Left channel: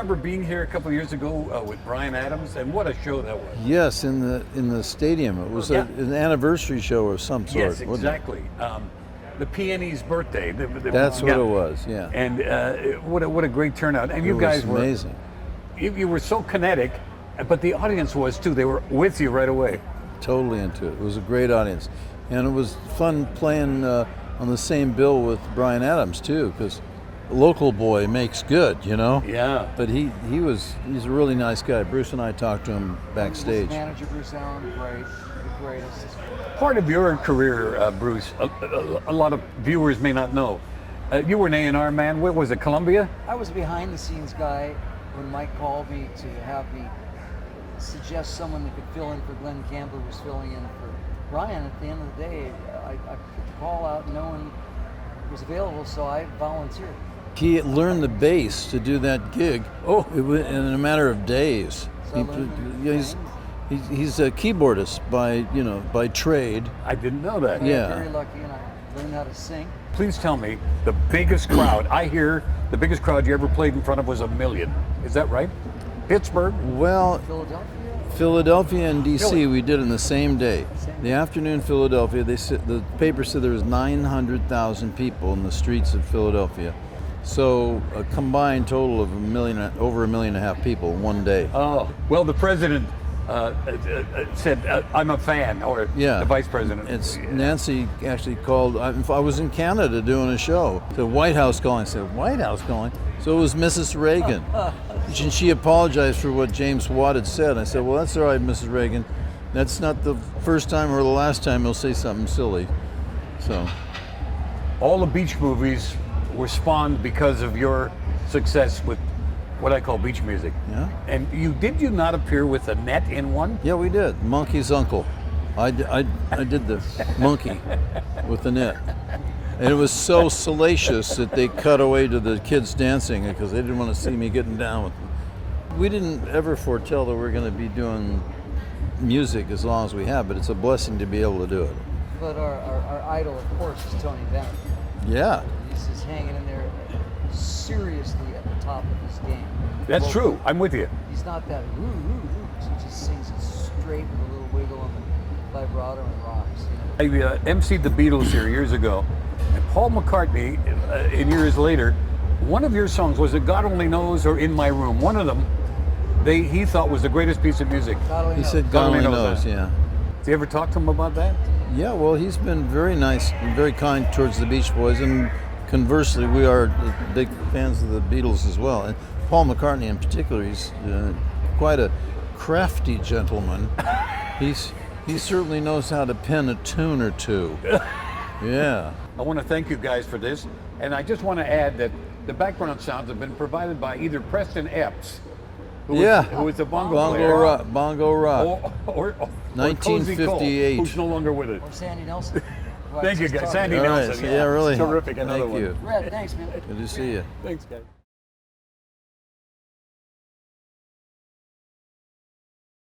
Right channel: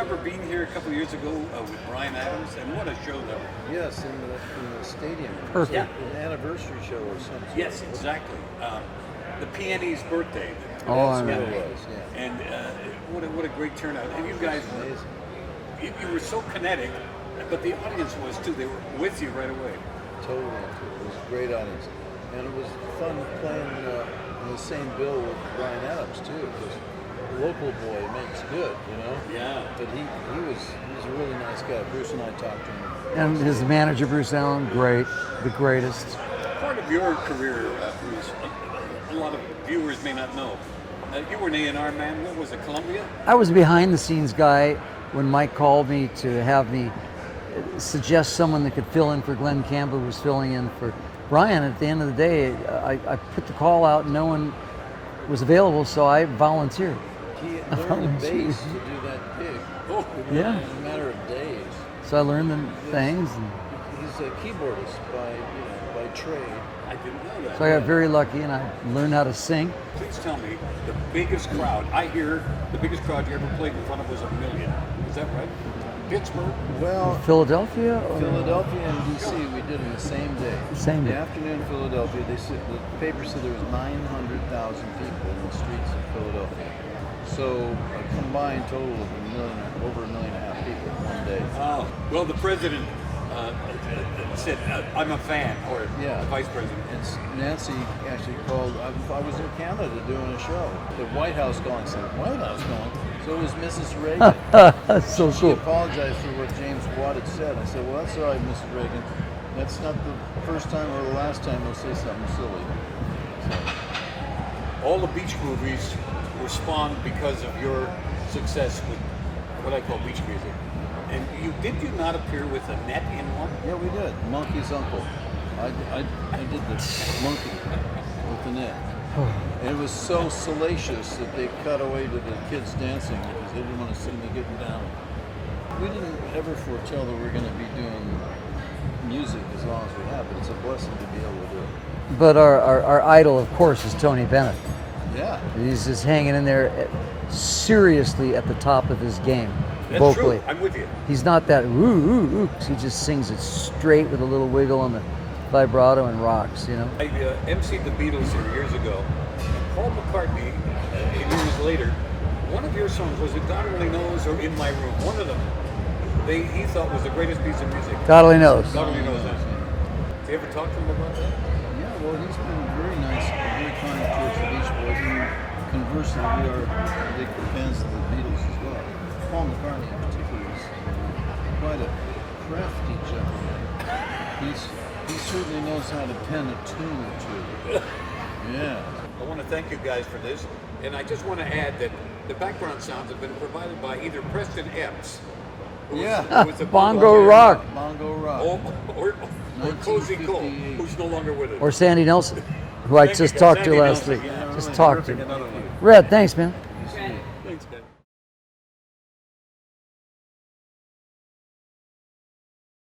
remember being here a couple of years ago with Bryan Adams, and what a show that was. Yes, in the stadium. It was Yeah. an anniversary show of some sort. Yes, wasn't it? exactly. The Peony's birthday. That's what it was. Yeah. And what a great turnout. And It you was guys were amazing. you were so kinetic, but the audience was too. They were with you right away. Totally into it. It was a great audience, and it was fun playing on the same bill with Bryan Adams too, because local boy makes good, you know. Yeah. But he's a really nice guy. Bruce and I talked to him And backstage. his manager, Bruce Allen, great, the greatest. Part of your career, Bruce, a lot of viewers may not know. You were an A&R man. What was it, Columbia? I was a behind the scenes guy when Mike called me to have me suggest someone that could fill in for Glenn Campbell, who was filling in for Brian. At the end of the day, I put the call out and no one was available, so I volunteered. He learned the bass to do that gig in a matter of days. So I learned the things. He's a keyboardist by trade. I didn't know that. So I got very lucky and I learned how to sing. Please tell me the biggest crowd. I hear the biggest crowd you ever played in front of was 1 million. Is that right? Pittsburgh? Well, Philadelphia? Philadelphia and DC we did in the same day. Same the day. afternoon Philadelphia, the paper said there was 900,000 people in the streets of Philadelphia. So a combined total of over 1.5 million people one day. Oh, well, the president said, I'm a fan, or the vice president. It's Nancy actually called. I was in Canada doing a show. The White House calling. I said, White House calling? So it was Mrs. Reagan. So she apologized for what James Watt had said. I said, well, that's all right, Mrs. Reagan. That's not the first time or the last time he'll say something silly. So All the beach movies were spawned because of your success with what I call beach music. Yeah. And did you not appear with a net in one? yeah, we did. Monkey's uncle. I did the monkey with the net. And it was so salacious that they cut away to the kids dancing because they didn't want to see me getting down. We didn't ever foretell that we're going to be doing music as long as we have, but it's a blessing to be able to do it. But our idol, of course, is Tony Bennett. Yeah. He's just hanging in there seriously at the top of his game. That's vocally. true. I'm with you. He's not that ooh, ooh, ooh. He just sings it straight with a little wiggle on the vibrato and rocks, you know. I emceed the Beatles here years ago, and Paul McCartney, years later, one of your songs was it God Only Knows or In My Room. One of them, he thought was the greatest piece of music. God only knows. God only knows, yeah. Did you ever talk to him about that? Yeah, well, he's been very nice and very kind towards the Beach Boys, and conversely, we are big fans of the Beatles as well. And Paul McCartney in particular, he's quite a crafty gentleman. He certainly knows how to pen a tune or two. Yeah. I want to thank you guys for this, and I just want to add that the background sounds have been provided by either Preston Epps, who was the Bongo Rock. Bongo Rock. or Cozy Cole, 1958. who's no longer with us. Or Sandy Nelson, who I Thank you, just guys. talked Sandy to last Nelson. week. Yeah, really. Just talked to Terrific, another Thank one. you. Red, thanks, man. Good to see you. Thanks, guys.